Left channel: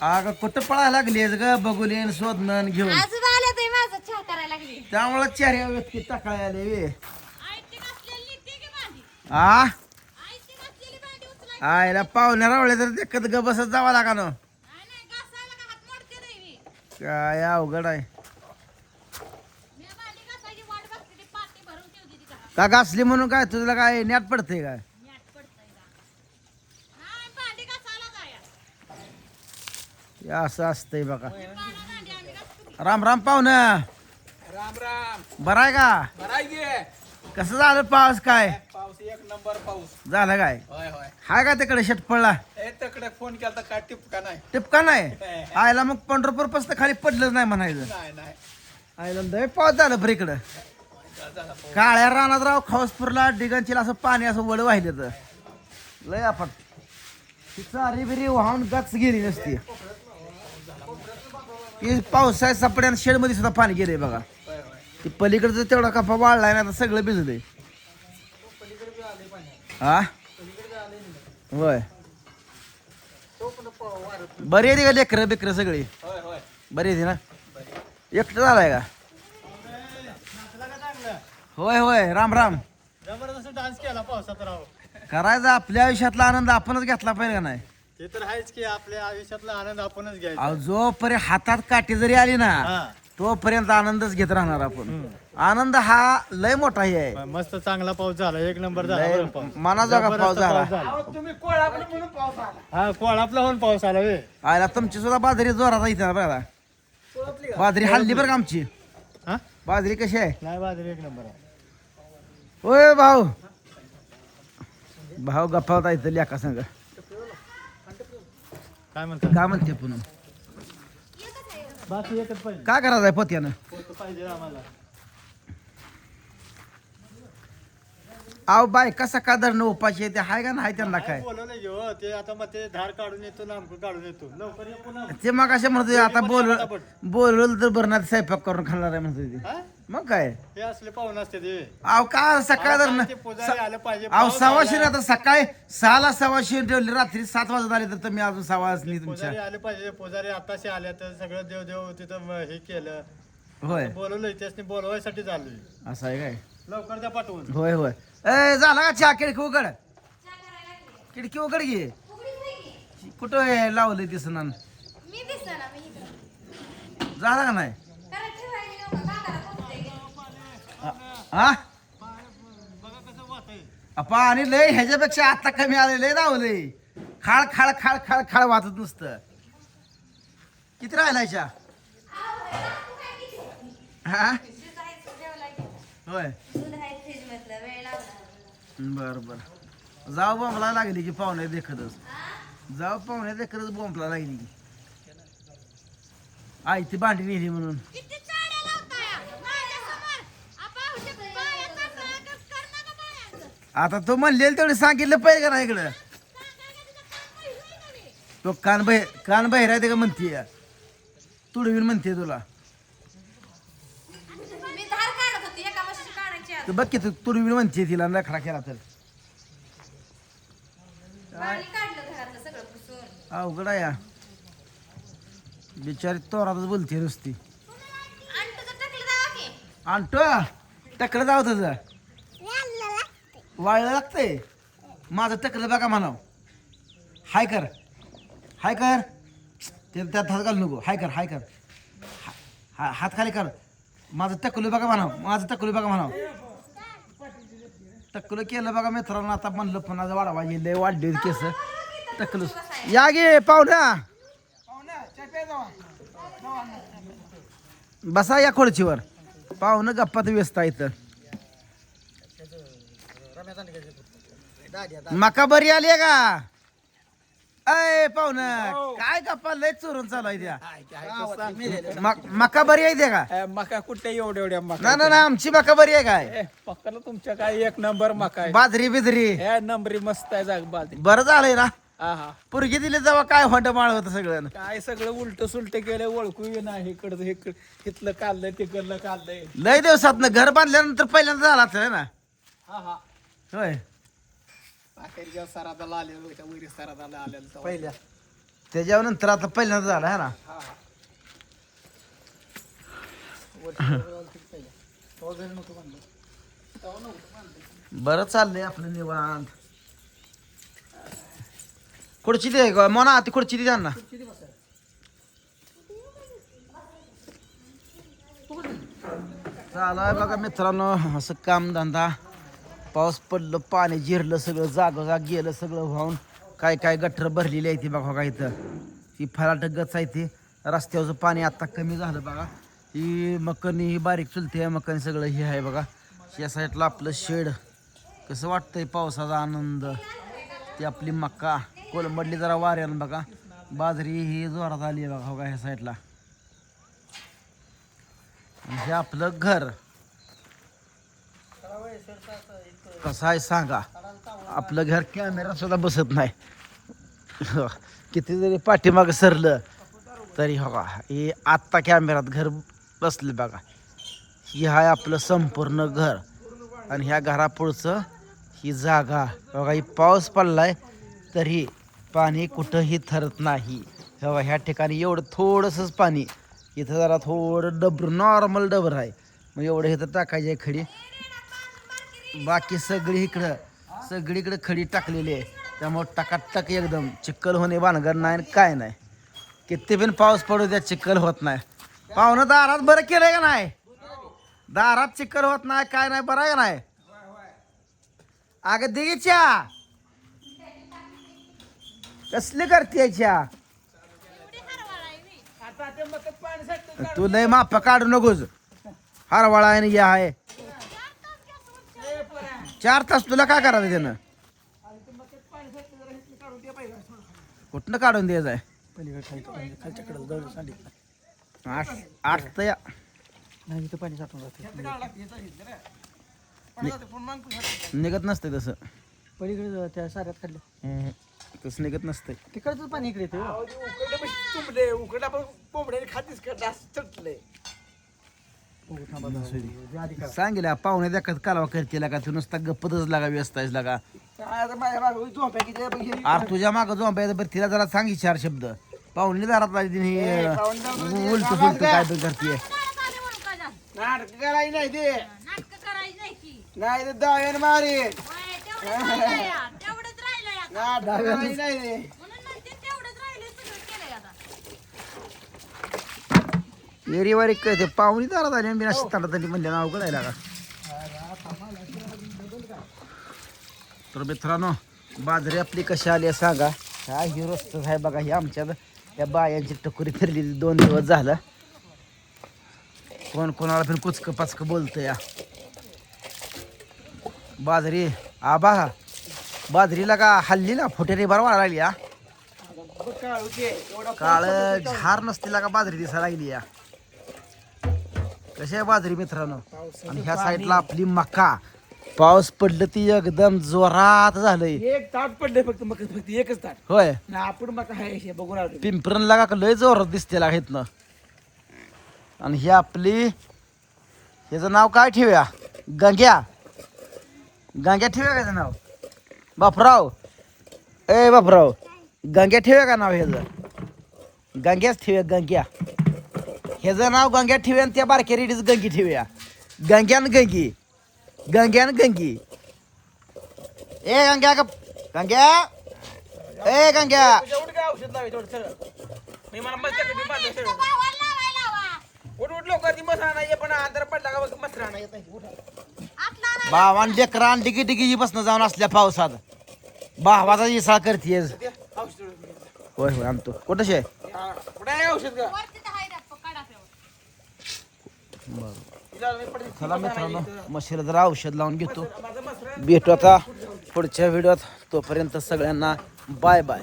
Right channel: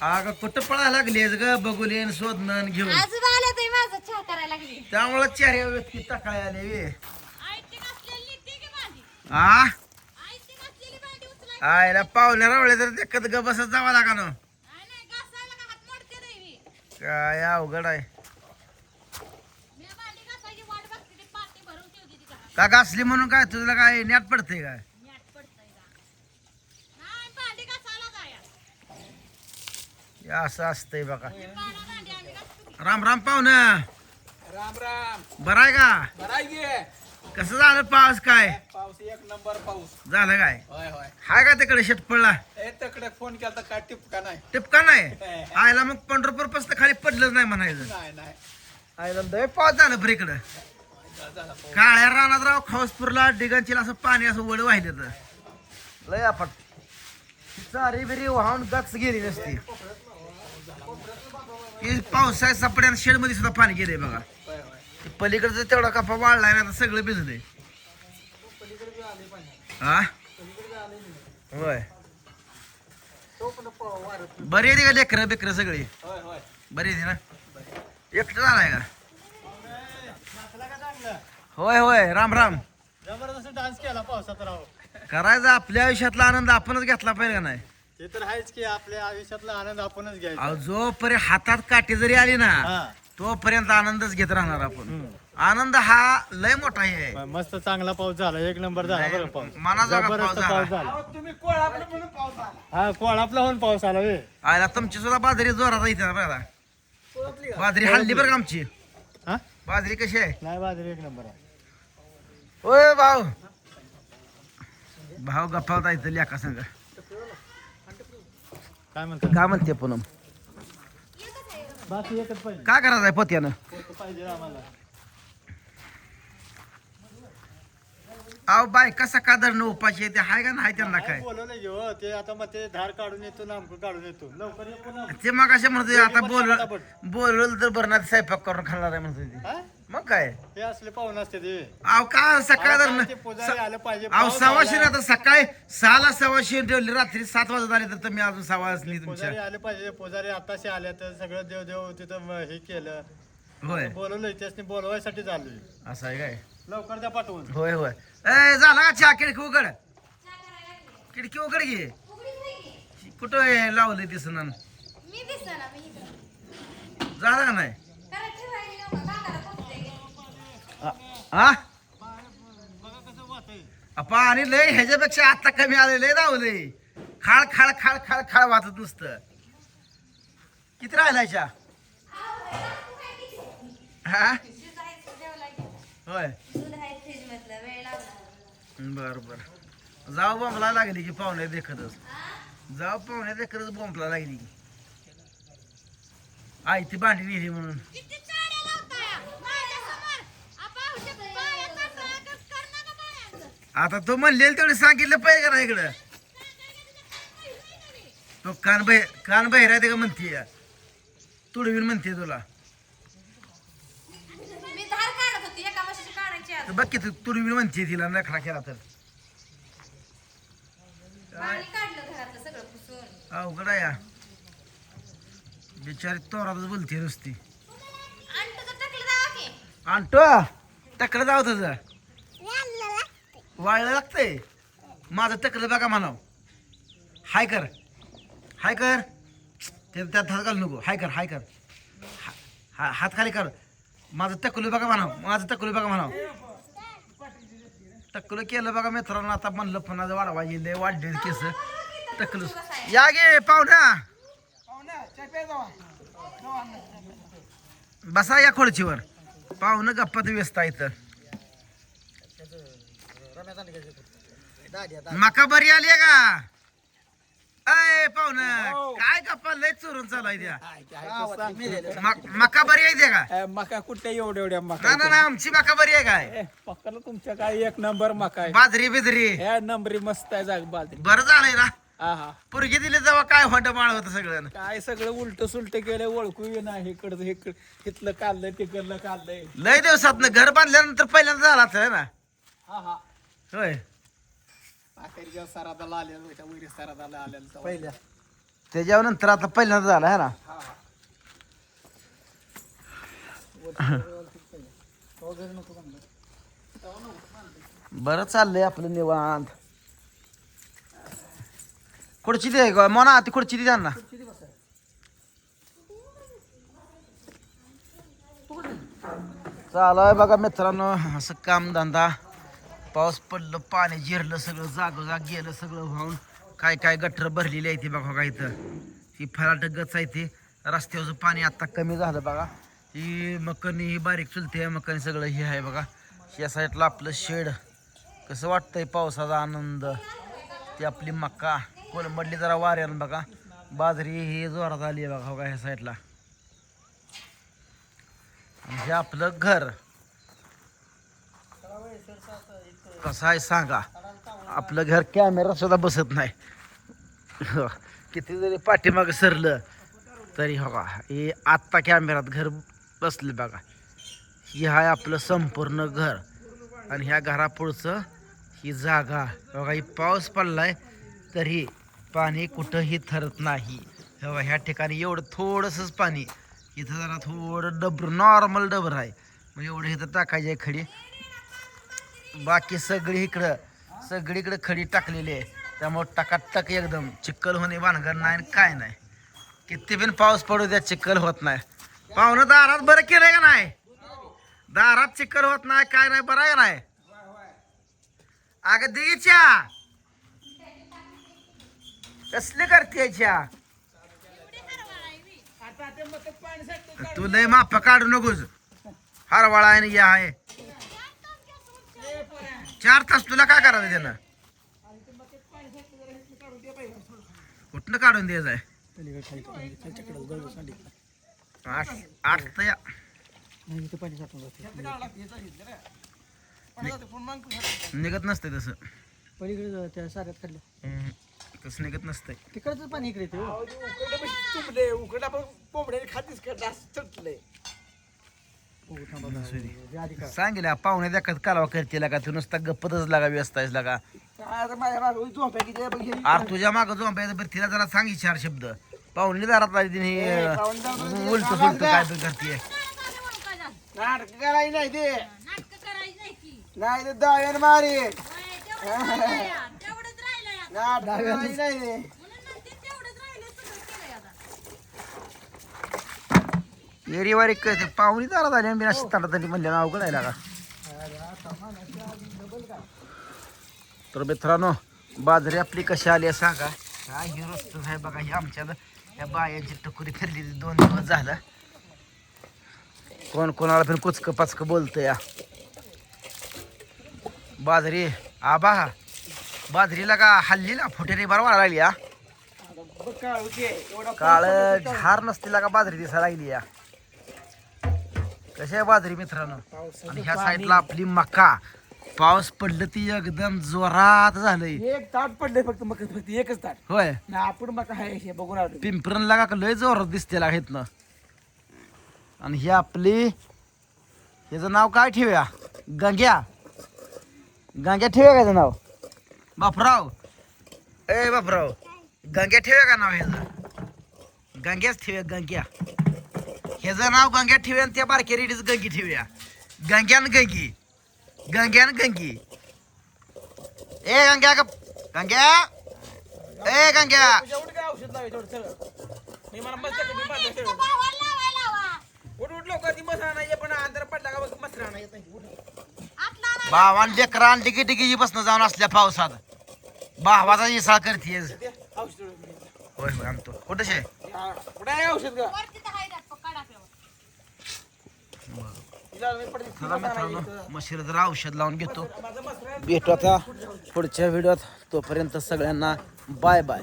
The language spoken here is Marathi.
अगं कुठं पळायला लागलीस ग बघून शोधणं घेऊन अजून आल्या तर माझा चहा करायला लागली. त्यामुळे चेहऱ्या व्यक्ती टाकाय आले वे आयती घासलेली ती की भांडी. आ आयती घासलेली भांडी उचलायची. आयला पाहुण्या रावळे तर देखत ग बसत जावा लागा ना नाही नाही घासायला का हात मोडते नाही मी. काय अवघड आहे मी भांडी घासायची वाट बघते ती पाटी भरून ठेवते ती घरात. का घासली म्हणून काय तुला काय न्याट पडते काय मॅट पडतंय का. नाही भांडी घासायला जाया. हे असं असतंय बघा पाडा भांडी आम्ही घासतो. राम राम पाहुणं राम राम. बरं आहे का बराय गे. कसं झालं पाऊस काय पाऊस एक नंबर पाऊस. झालं काय होय होय. हाय का तिकडे शेट पडला ए तकडे फोन केला तर काय टिपका नाही. टिपका नाही आयला मग पंढरपूर पासून खाली पडलंच नाही म्हणायचं नाही नाही. आयला लय पाऊस झालं बरं इकडं झाला पाऊस. काळ्या रानात राव खाऊसपूरला डिगांचीला असं पाणी असं वड वाहिले तर लय आपण ती चारी बिरी वाहून गक्स गेली नसती ती पावसाळ्यात सापड्या शेड मध्ये सुद्धा पाणी गेलंय बघा होय होय. ती पलीकडचं तेवढा कपा वाढलाय ना आता सगळं भिजलंय हा होय बरी आहे का लेकरं बेकरं सगळी होय होय. बरी आहे ना एकटं झालाय का होय होय राम राम जबरदस्त डान्स केला पावसात राव. करायचा आपल्या आयुष्यातला आनंद आपणच घेतला पाहिजे का नाही ते तर आहेच की आपल्या आयुष्यातला आनंद आपणच घ्यायचा. अहो, जोपर्यंत हातात काठी जरी आली ना हा. तोपर्यंत आनंदच घेत राहणार आपण आनंद हा लय मोठा हे आहे मस्त चांगला पाऊस झाला, एक नंबर झाला बरं पाऊस. मनाजोगा पाऊस जबरदस्त झाला. पाऊस झाला. तुम्ही कोळाकडे म्हणून पाऊस आला. हा कोळापला होऊन पाऊस आला वे. आयला तुमची सुद्धा बाजरी जोरात इथे ना बघा कोळपली का? बाजरी हल्ली बरं का आमची हा बाजरी कशी आहे नाही बाजरी एक नंबर आहे. होय भाऊ भाऊ गप्पा होता इथं लेका संग काय म्हणतात का म्हणते पूनम बाकी एकच पाहिजे. काय करायचं आहे पोत्यानं पोतं पाहिजे आम्हाला. अहो बाय कसा का धरणं उपाशी आहे ते हाय का नाही त्यांना काय बोलवलं घेऊ ते आता मग ते धार काढून येतो नामकं काढून येतो लवकर ये पुन्हा. ते मग असे म्हणतो आता बोल पटापट. बोलवलं तर बरं स्वयंपाक करून खाणार आहे म्हणतो ते हा? मग काय हे असले पाहुणे असते ते. अहो का सकाळ धरणं ते पुजारी आलं पाहिजे. अहो पाऊस सवाशे आला. आता सकाळी 6ला सवाशे ठेवली रात्री 7 वाजत आले तर तुम्ही अजून 6 वाजली तुमच्या पुजारी आले पाहिजे. पुजारी आताशी आले तर सगळं देव देव तिथं हे केलं होय बोलवलंय त्यासनी बोलवायसाठी चाललोय. असं आहे काय लवकर द्या पाठवून. होय होय ए झाला का चहा खिडकी उघड खिडकी उघड घे उघडीच नाही की. कुठं हे लावलंय दिसणार मी दिसना ना मी इकडं. झालं का नाही कारण ठेवायची नव्हतं काकाला पोचते की. हा बघा कसं वाटतंय. पाणी लय ह्याच्यापेक्षा आता कमी आले लय लावलंय खाळ खाळ खाळ खाळ खाळ वाचत नुसतं किती राहिलाय चहा हा दूध आहे, जेवला की. होय दूध आहे फ्रीज मधलं वेळ लागला. बर बर जाऊ बोंबला लागली की पाहुणे देखतच जाऊ पाहुणे देखतच बोंबला लागली की आई ती भांडी नेली म्हणून किती चाड्या लावताय माझ्यासमोर. आपा हुजे पायात टाकलं, कर ना गं पायाचं. आता तो म्हणलेल तेवढे सांगितलं पाहिजे का नाही इकडं सांगायला तुझं काम नाही होईल का रे? तो कान बहिरा ते का म्हणते तुडवीन म्हणते तुला मी धार काढत होती एका म्हशीची काढायची आज. तू बघ की तू तुडवीन म्हणते तिला नखरा केला तर पाणी काढलं घरातलं सगळं पुसून. अवघड आहे या बिचारी तोरातच बोलते नुसती आणि तुझं टाकलं जावं की. आणतो टकलं जाऊ तुझं वाळलं लागतंय माझं टकलं बघा म्हणाव हाय कर ते त्यात हात घालू नको हाय कर हात खाली कर माझं टकलं बघा म्हणाव टकलं केलं बघा मित्रांनो आता म्हणलं पण माझं वाढवायची लय वाढले केस टकलं या गे पाहुण्या पाहुण्या, चहा प्या जावा. जावा ना. बसा या खुर्चीवर पाहुणं गप्पात व्यस्त आहे इथं मका बरी आली का अय पाहुणं काय गप्पा लय चोरून चालू आहे त्या मका बरी आहे त्या का मका कुठे एवढ्या ना ना ना आमची मका बरी आहे काय पक्काला तुमच्या काय एक नंबर मका आहे. बाजरी बिजरी या नंबरी मस्त आहे जाग बाजरी. बरं झालंय ना हा हा. पुरगी दिली जेव्हा काय होंड माळ होतं सगळं काय सगळं उलट सुलट केलं ओळखू नाही इकडं इथलं काढलंय तिकडलं काढलंय. लय दिवसात घर बांधल्यानंतर पहिल्यांदा झाला असेल ना हा हा. होय अखेर जेव्हा सरादाला आलेलं होत्या वैरी सरादाला आलेलं तेव्हा. पहिल्या त्याच्यावर नंतर आता पहिल्यांदा झाला है ना. बरं चाललंय आपलं निवांत. खुर्ची दे मोना, ती खुर्ची दे त्यांना. चालू आहे बघा मित्रांनो असं काम धंदा. पाऊस पडलं, पाणी जिरलं, सगळं जागोजाग गेलं सगळं वाहून. काय काय गटर भरलेली आहे ती बघा का इथं. ही फलाट गच आहे ती. रस्त्यावरचं पाणी आता कमी झालं बघा. ही मकनी, ही बारीक चुलती आहे मकनी, सगळं हे आहे बघा. या साईडला आपलं शेड. कसं वाटतंय पावसाचा आनंद. ती आपली मका कोलमडली जरा वाऱ्यानं बघा. बाजरी ही जोरात आली आहे बघा ह्या साईडला. आणि हे आपलं घर कसं आहे सांगा. आपलं घर कॅमेरा सुद्धा बसत नाही. किती जरी पाठीमागं सरलं तरी हो का हे आत्ता कॅमेरात घर बसले बघा. ही आहे आपलं संपूर्ण घर. आणि ह्या घरापुढचं ही जागा बघा. ही पाऊस पडलाय तरी पाणी कुठंही थरत नाही. बघा ह्या ठिकाणी एवढं थोडंसंच पाणी. इथं जरा थोडं डबर नॉर्मल डबर आहे. मग एवढं इथं टाकायची आहे खडी. बाकी सगळीकडे खडी टाकलेली आहे. त्यामुळे टकाटक एकदम चिक्कल होणे भानगड नाही आणि काय नाही. किती पण पाऊस पडू द्या चिक्कल होत नाही. पाहुणं दारात बरं केलंय का नाही. दारात चिक्कल होत नाही काय नाही. बरं आहे का नाही. अगं देच्या कसली करते चहा. तू लय माप काढू नकोस. हरवाळा आहे या आहे 4 तास तुला काय करायचं त्यानं. कुठनं काढून द्यायचं आहे. 8 तर निघत नसतंय तसं. पलीकडे त्या साऱ्यात खाल्लं तसं निघत नसतंय. तिकडचं पाणी इकडे येते. उकडे आपण कोंबड्याने खातीस चटलंय. सांगितलं पाहुणे देखत कालवा करते का तू नुसता गप्पतच लागा व्यस्त आहेस लागा. अरे तुझ्या मागं झोंपायचं बरं तिला जरा सांगी 4 शब्द. पाहुणे दारात आली तिने उलट फुलट काय पण करते. नाटक करायची नाही ते. नाटकं करायची नाही की. नाही ते दाव्यान मारे. तेवढंच राहिलंय आता. नाटक करायची नाही ते. म्हणून म्हणते तेवढंच राहिलंय सगळं केलंय आता. एरीवारी कळते पाहुणी दारात आली आणि बिना शिताडा तरी म्हणले ना अवघड आहे लागा. तर मित्रांनो बाजरी आपली कशी आली आहे सांगा. हा ही रस्तच आहे बघा. ही आमच्या त्या बायांची टकुरी फिरलेली 2 दिवस झालं. कोण कोणाला पण कुचकं पाचकं बोलतं या. बाजरी आबा बाजरीला का हल्लीला फुटेरी बरोबर लागली या. काळ झार नसतीला का बाजरी दिसायला लागली या. कशी आहे बाजरी मित्रांनो. आणि ह्या साईडला आपली मका. पाऊस पडलं ती एकदम जोरात झालंय. एक ताट पडले फक्त मग फक्त एकच ताट. होय ना आपण मग आहे बघून आलो. पिंपरण लागा का लय जोरात दिसते लागा इथनं. आणि ही आपली ह्याचं नाव काय ठेवूया. गंग्या ठेवूया का नाव. बापराव ए बापराव गंग्या ठेवूया का नाव ह्याचं. गंग्याच ठेवूया गंग्या. ह्याचं नाव गंग्या ठेवूया आणि त्या बारक्या रेडीच गंगी ठेवूया. गंग्यान गंगी गंगी. ए गंग्या गंग्या ए गंग्या. औषध लावाय थोडं सरळ. मी मला मस्त बांधलं सरळ. गावाला लावायला हवा. उठ लवकर ती मसरा नाही पण अंधार पडला का बघ मसरा नाही येत नाही. आतला नाही. भावान लेकरा डिगी डिगी बसणं जाऊन असल्या पावसात भावाचा इसाळ करतेस. औषध होय होय आणतो. कुठं शे कुठे आहे औषध का. वरती तर हाय दात काढा ठेवा. तिला मी पडली. चला मित्रांनो मशीला जरा औषध लावून घेतो. भेटू आता पुढच्या व्हिडिओत. तोपर्यंत सगळ्यांना बाय बाय.